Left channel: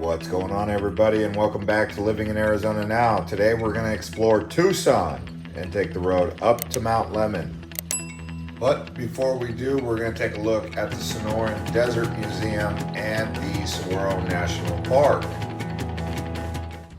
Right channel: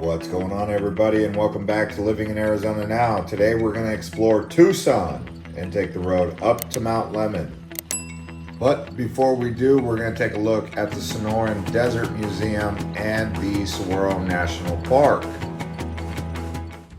What's going on, everybody, and welcome back to Living in Arizona Now. Today we're going to explore Tucson and take the road up to Mount Lemmon. But before we do, we're going to take a look at the Sonoran Desert Museum and the Saguaro National Park.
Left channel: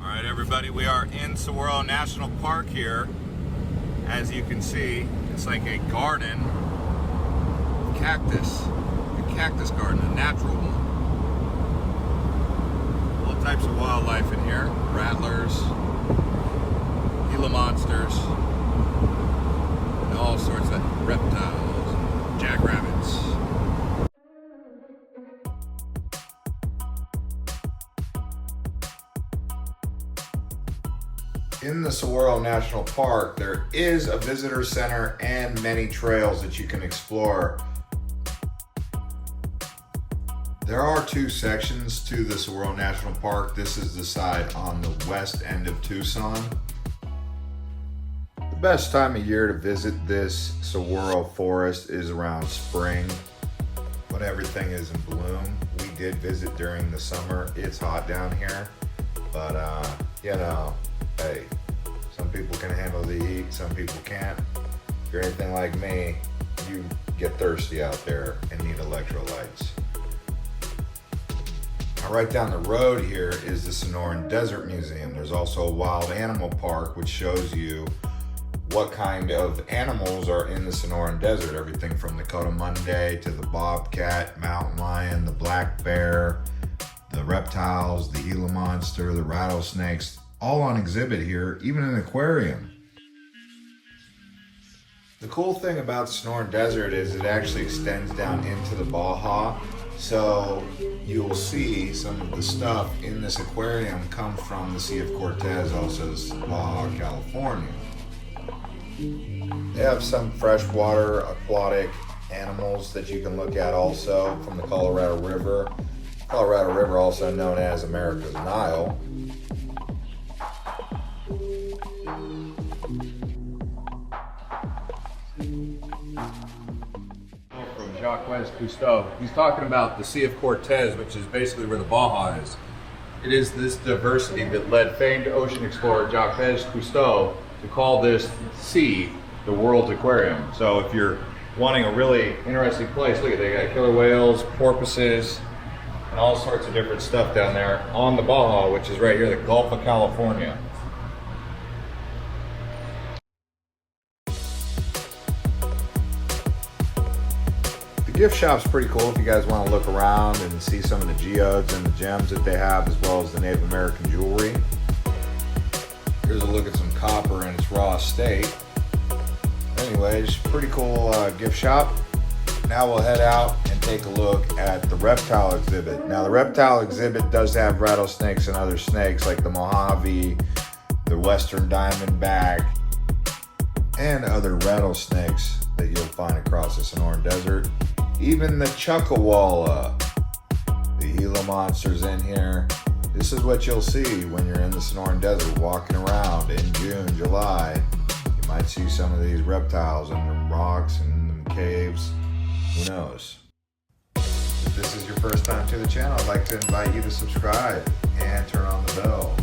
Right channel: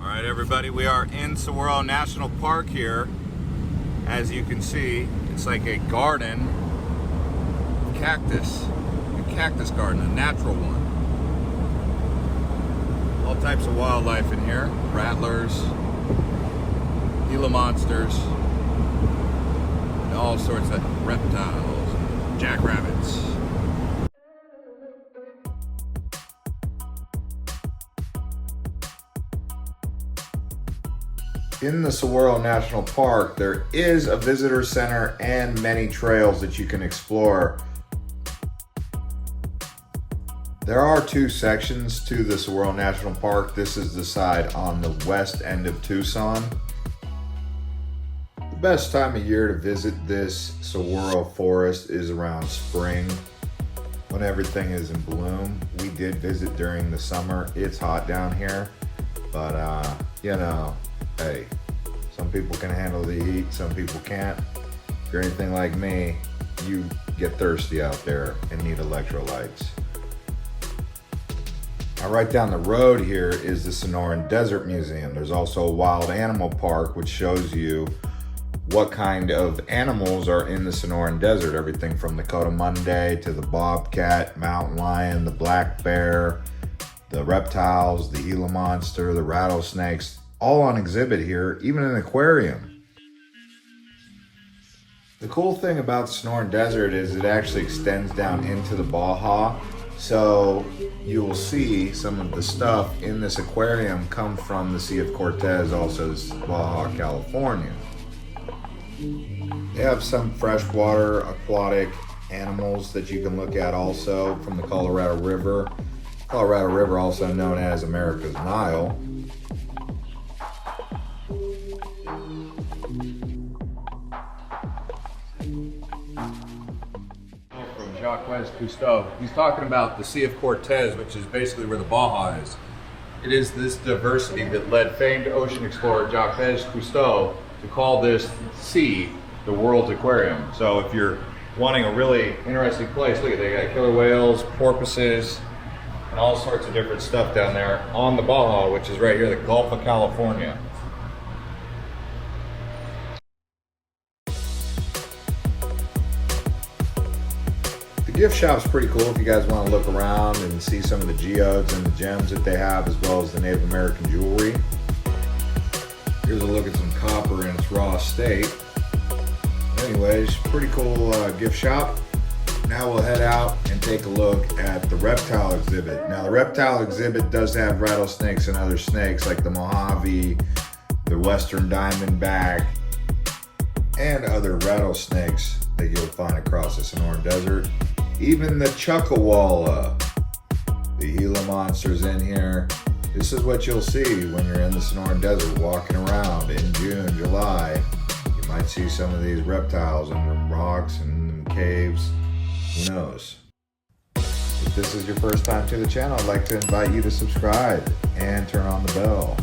All right, everybody, we are in Saguaro National Park here. As you can see, it's like a garden, a cactus garden, a natural one. All types of wildlife in here, rattlers, Gila monsters, and all sorts of reptiles and jackrabbits. In the Saguaro National Park, there is a visitor center and many trails that you can explore. There are two sections to the Saguaro National Park. This is the side on the west end of Tucson. The best time of year to visit this saguaro forest is around spring, when everything is in bloom. We did visit during the summer. It's hot down here, but you know, hey, some people can handle the heat, some people can't. If you're anything like me, you get thirsty out there and need electrolytes. Right down the road here is the Sonoran Desert Museum. There's also a wild animal park which shows you what kind of animals are in the Sonoran Desert. Everything from the coatimundi to the bobcat, mountain lion, the black bear, the reptiles, the Gila monster, the rattlesnakes, all on exhibit here, even an aquarium. The cool thing about Sonoran Desert is it actually extends down into the Baja. So you'll see some of the stuff in this aquarium come from the Sea of Cortez, also Baja California. They have some freshwater aquatic animals that you can look at also from the Colorado River. Colorado River, also known as America's Nile. Jacques Cousteau. He's talking about the Sea of Cortez, which is basically where the Baja is. It is this diversity that led famed ocean explorer Jacques Cousteau to call this sea the world's aquarium. So if you're wanting a really interesting place, look at they got killer whales, porpoises, and all sorts of different stuff down there on the Baja, which is right here, the Gulf of California. The gift shop's pretty cool if you guys want to look around and see some of the geodes and the gems that they have, as well as the Native American jewelry. Here's a look at some copper in its raw state. Anyways, pretty cool gift shop. Now we'll head out and take a look at the reptile exhibit. Now the reptile exhibit does have rattlesnakes and other snakes like the Mojave, the Western Diamondback, and other rattlesnakes that you'll find across the Sonoran Desert. Even the Chuckawalla, the Gila monsters in here. This is what you'll see when you're in the Sonoran Desert walking around in June, July. You might see some of these reptiles in the rocks and the caves. Who knows? If this is your first time to the channel, I'd like to invite you to subscribe and turn on the bell.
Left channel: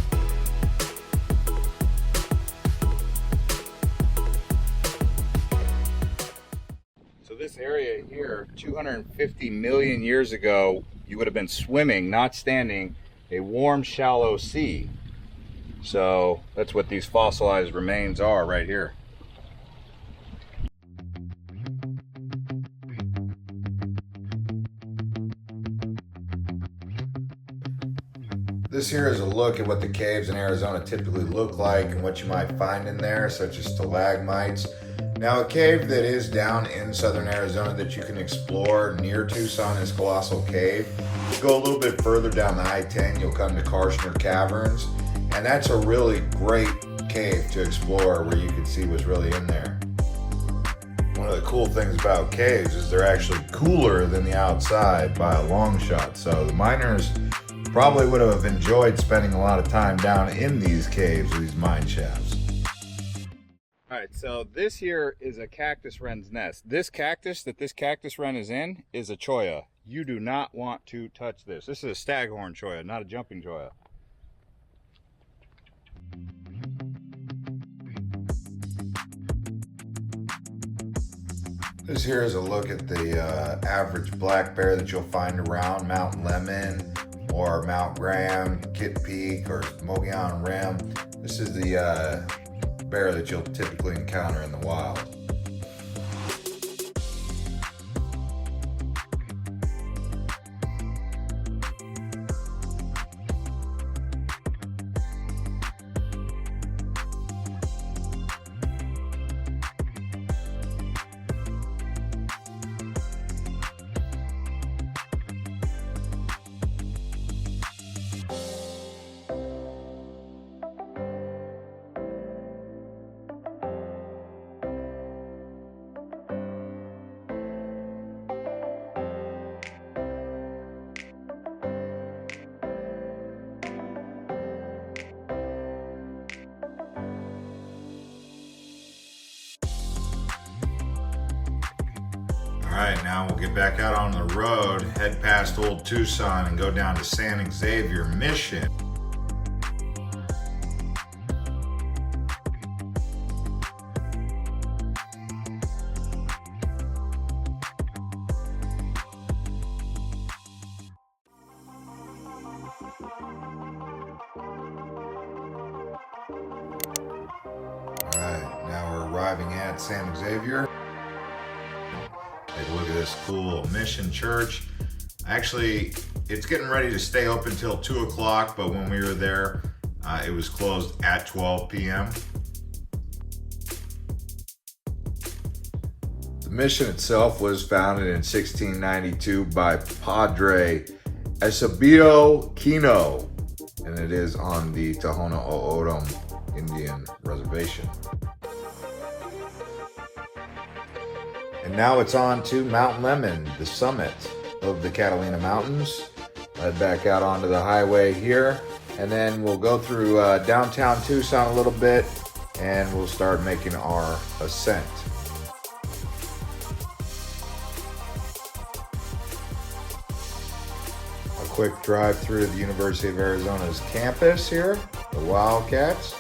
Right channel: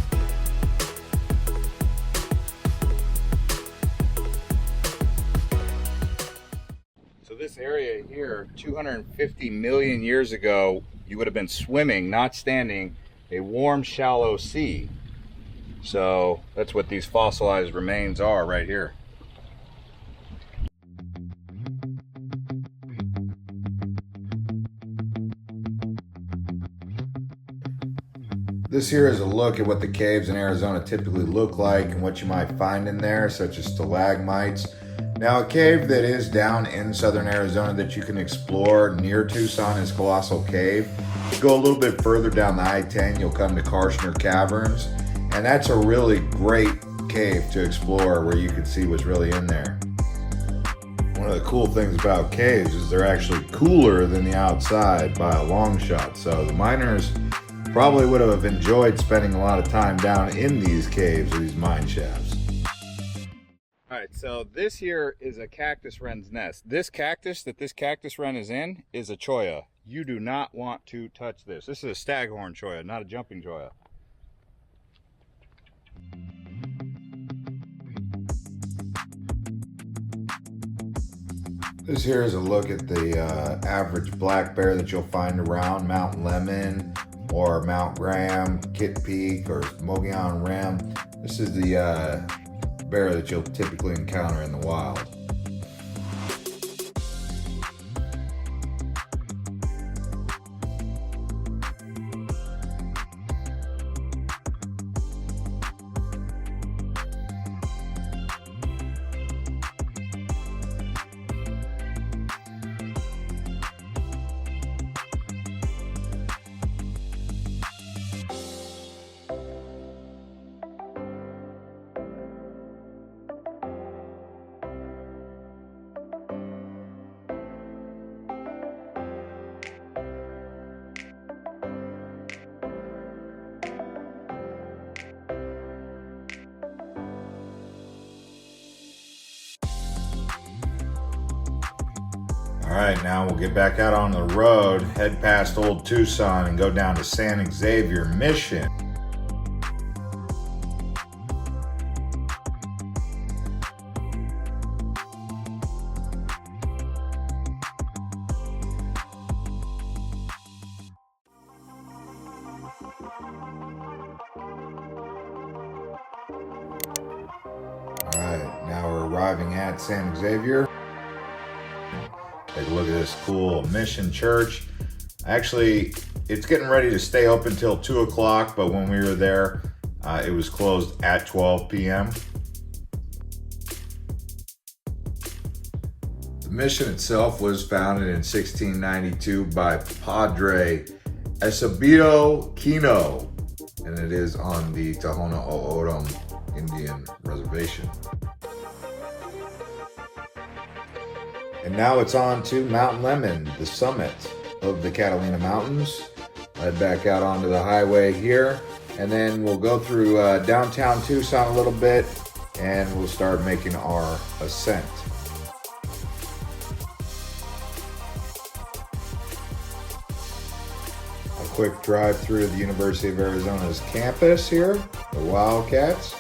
This area here, 250 million years ago, you would have been swimming, not standing, a warm, shallow sea. So that's what these fossilized remains are right here. This here is a look at what the caves in Arizona typically look like and what you might find in there, such as stalagmites. Now, a cave that is down in southern Arizona that you can explore near Tucson is Colossal Cave. Go a little bit further down the I-10, you'll come to Karshner Caverns, and that's a really great cave to explore where you can see what's really in there. One of the cool things about caves is they're actually cooler than the outside by a long shot, so the miners probably would have enjoyed spending a lot of time down in these caves or these mine shafts. All right, so this here is a cactus wren's nest. This cactus that this cactus wren is in is a cholla. You do not want to touch this. This is a staghorn cholla, not a jumping cholla. This here is a look at the average black bear that you'll find around Mount Lemmon or Mount Graham, Kit Peak, or Mogollon Rim. This is the bear that you'll typically encounter in the wild. All right, now we'll get back out on the road, head past Old Tucson and go down to San Xavier Mission. All right, now we're arriving at San Xavier. Take a look at this cool mission church. Actually, it's getting ready to stay open until 2 o'clock, but when we were there, it was closed at 12 p.m. The mission itself was founded in 1692 by Padre Eusebio Kino, and it is on the Tohono O'odham Indian Reservation. And now it's on to Mount Lemmon, the summit of the Catalina Mountains. Head back out onto the highway here, and then we'll go through downtown Tucson a little bit, and we'll start making our ascent. A quick drive through the University of Arizona's campus here, the Wildcats.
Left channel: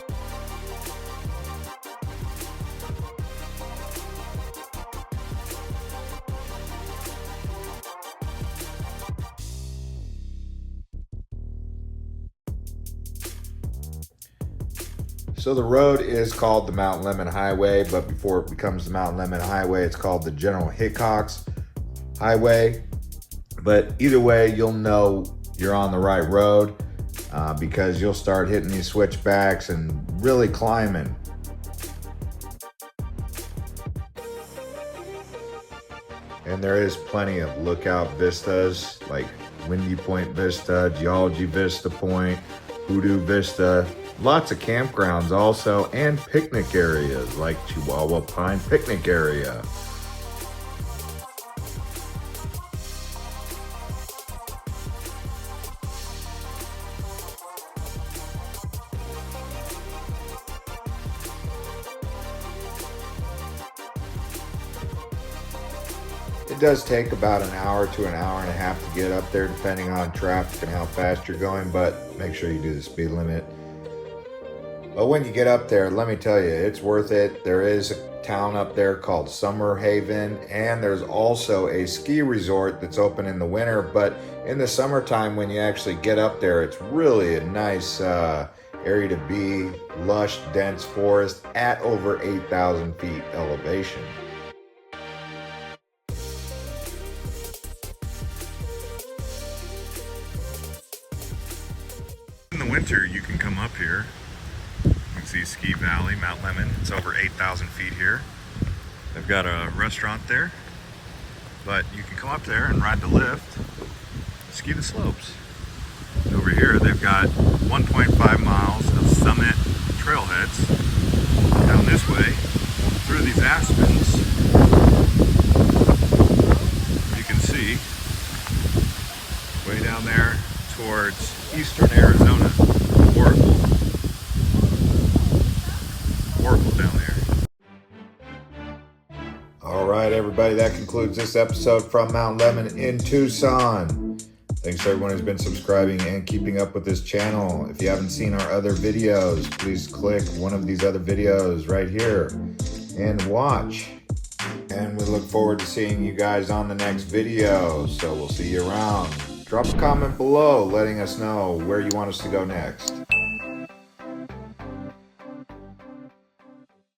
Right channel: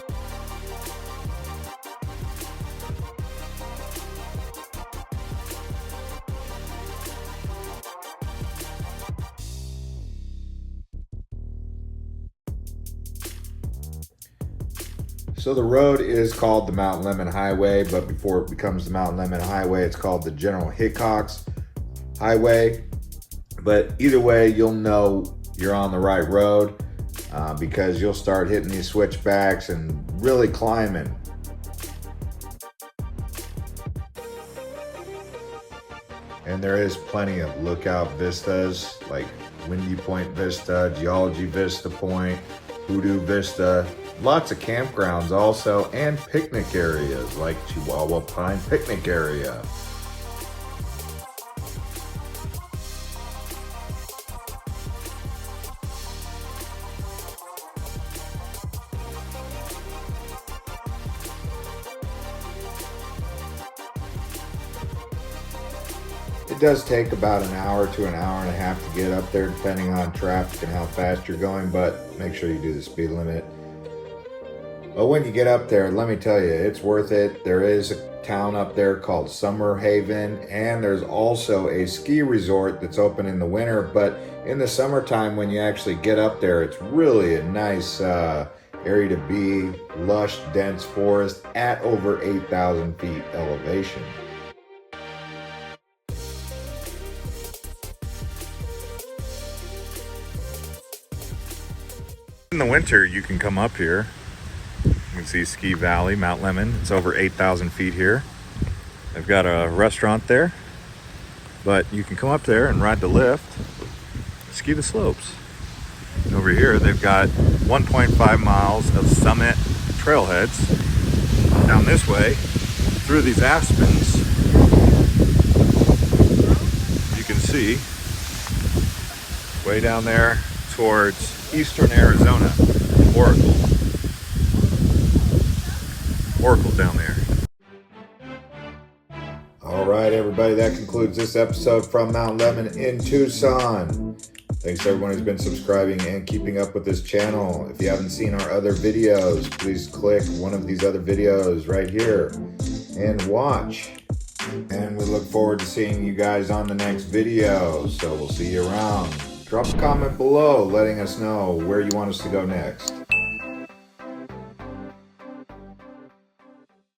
So the road is called the Mount Lemmon Highway, but before it becomes the Mount Lemmon Highway, it's called the General Hickox Highway. But either way, you'll know you're on the right road because you'll start hitting these switchbacks and really climbing. And there is plenty of lookout vistas, like Windy Point Vista, Geology Vista Point, Hoodoo Vista. Lots of campgrounds also, and picnic areas like Chihuahua Pine Picnic Area. It does take about an hour to an hour and a half to get up there, depending on traffic and how fast you're going, but make sure you do the speed limit. But when you get up there, let me tell you, it's worth it. There is a town up there called Summerhaven, and there's also a ski resort that's open in the winter, but in the summertime when you actually get up there, it's really a nice area to be. Lush, dense forest at over 8,000 feet elevation. In the winter, you can come up here. You can see Ski Valley, Mount Lemmon. It's over 8,000 feet here. They've got a restaurant there, but you can come up there and ride the lift. ski the slopes. And over here, they've got 1.5 miles of summit trailheads down this way through these aspens. You can see way down there towards eastern Arizona, Oracle down there. All right, everybody, that concludes this episode from Mount Lemmon in Tucson. Thanks to everyone who's been subscribing and keeping up with this channel. If you haven't seen our other videos, please click one of these other videos right here and watch. And we look forward to seeing you guys on the next video. So we'll see you around. Drop a comment below letting us know where you want us to go next.